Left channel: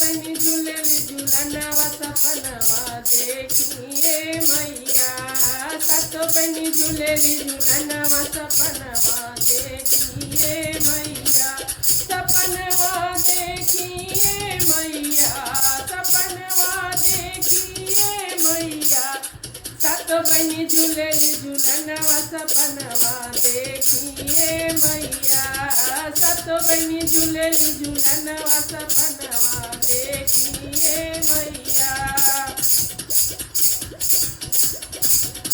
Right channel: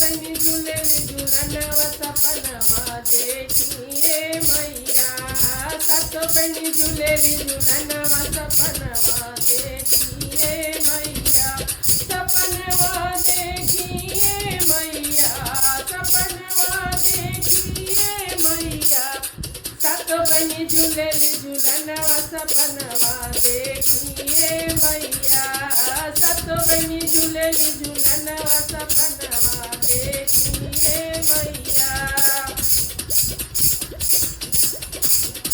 बनी झूलेली झूलनवा सपनवा देखिए मैया। सात बनी झूलेली झूलनवा सपनवा देखिए मैया। सपनवा देखिए मैया, सपनवा देखिए मैया। सात बनी झूलेली झूलनवा सपनवा देखिए मैया। सात बनी झूलेली झूलनवा सपनवा देखिए मैया।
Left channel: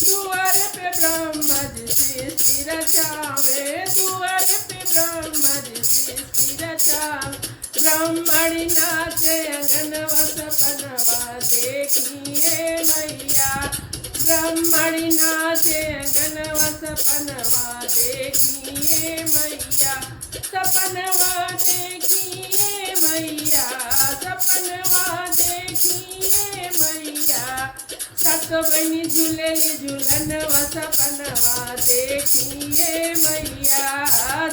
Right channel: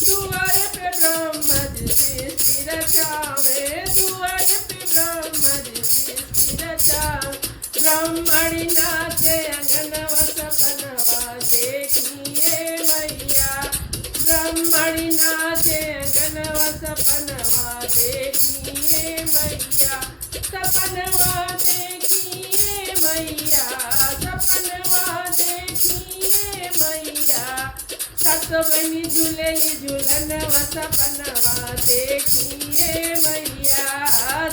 दुआर पे ब्रह्मा जी सृष्टि रचावे, दुआर पे ब्रह्मा जी सृष्टि रचावे। ब्रह्मणि नाचे अंगनवा सपनवा देखिए मैया। ब्रह्मणि नाचे अंगनवा सपनवा देखिए मैया। सपनवा देखिए मैया, सपनवा देखिए मैया। सात बनी झूलेली झूलनवा सपनवा देखिए मैया।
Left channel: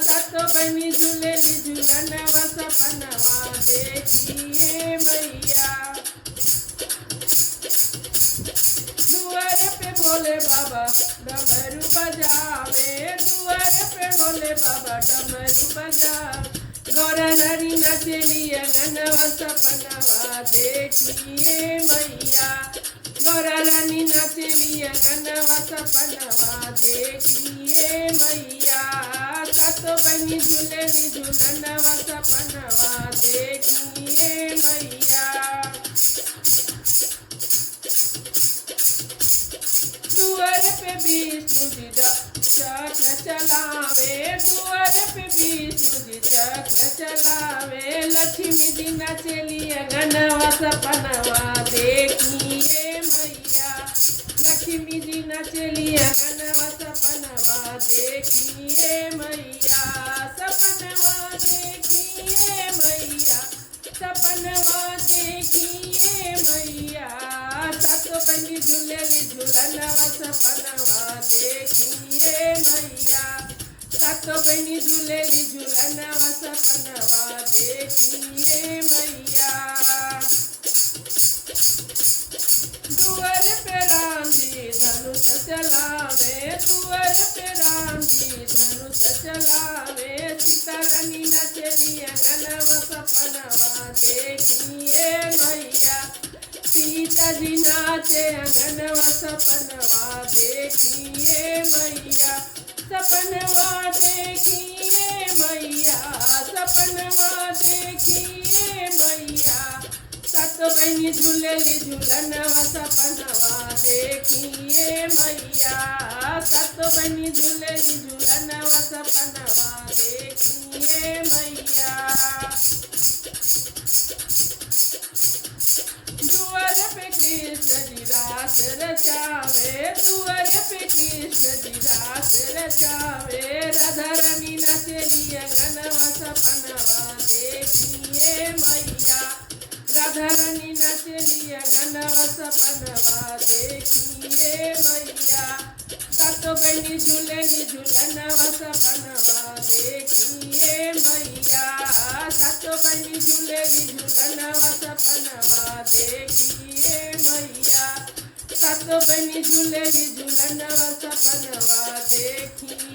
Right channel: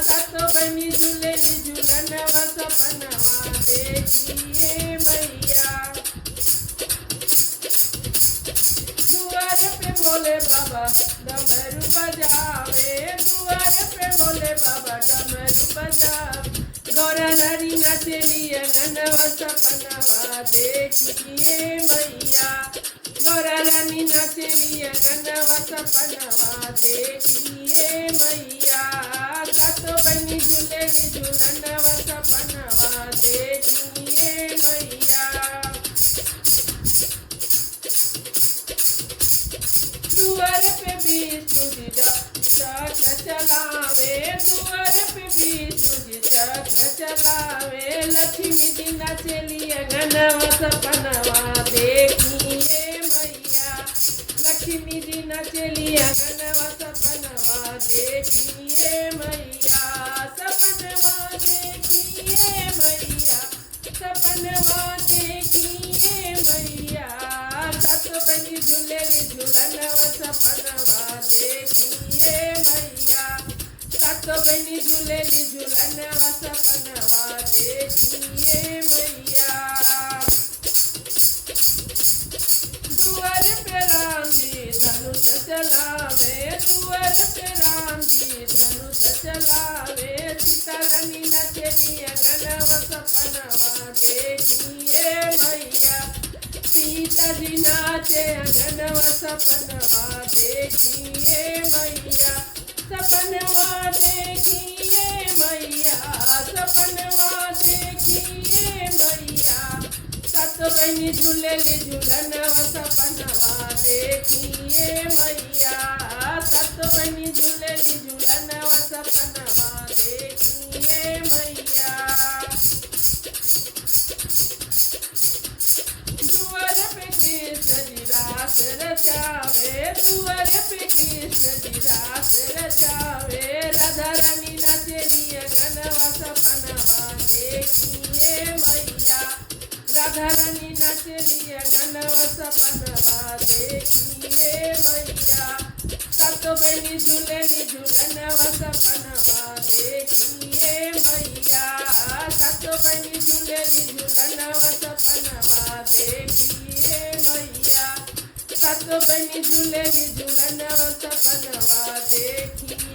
सात बनी झूलेली झूलनवा सपनवा देखिए मैया। दुआर पे भोले बाबा डमरू बजावे, दुआर पे भोले बाबा डमरू बजावे। गौरा हरी नचली अंगनवा सपनवा देखिए मैया। गौरा रानी नचली अंगनवा सपनवा देखिए मैया। सात बनी झूलेली झूलनवा सपनवा देखिए मैया। दुआर पे विष्णु जी चक्र चलावे, दुआर पे विष्णु जी चक्र चलावे। लक्ष्मी जी नचली अंगनवा सपनवा देखिए मैया। लक्ष्मी जी नचली अंगनवा सपनवा देखिए मैया। सपनवा देखिए मैया, सपनवा देखिए मैया। सात बनी झूलेली झूलनवा सपनवा देखिए मैया। सात बनी झूलेली झूलनवा सपनवा देखिए मैया। दुआर पे राम जी धनुष चलावे, दुआर पे राम जी धनुष चलावे। सीता रानी नचली अंगनवा सपनवा देखिए मैया। सीता जी नाचे अंगनवा सपनवा देखिए मैया। सपनवा देखिए मैया, सपनवा देखिए मैया। सात बनी झूलेली झूलनवा सपनवा देखिए मैया। सात बनी झूलेली झूलनवा सपनवा देखिए मैया। दुआर पे कृष्ण जी रास रचावे, दुआर पे कृष्ण जी रास रचावे। राधा रानी नचली अंगनवा सपनवा देखिए मैया। राधा रानी नचली अंगनवा सपनवा देखिए मैया। सात बनी झूलेली झूलनवा सपनवा देखिए मैया। सात बनी झूलेली झूलनवा सपनवा देखिए मैया। सात बनी झूलेली झूलनवा सपनवा देखिए।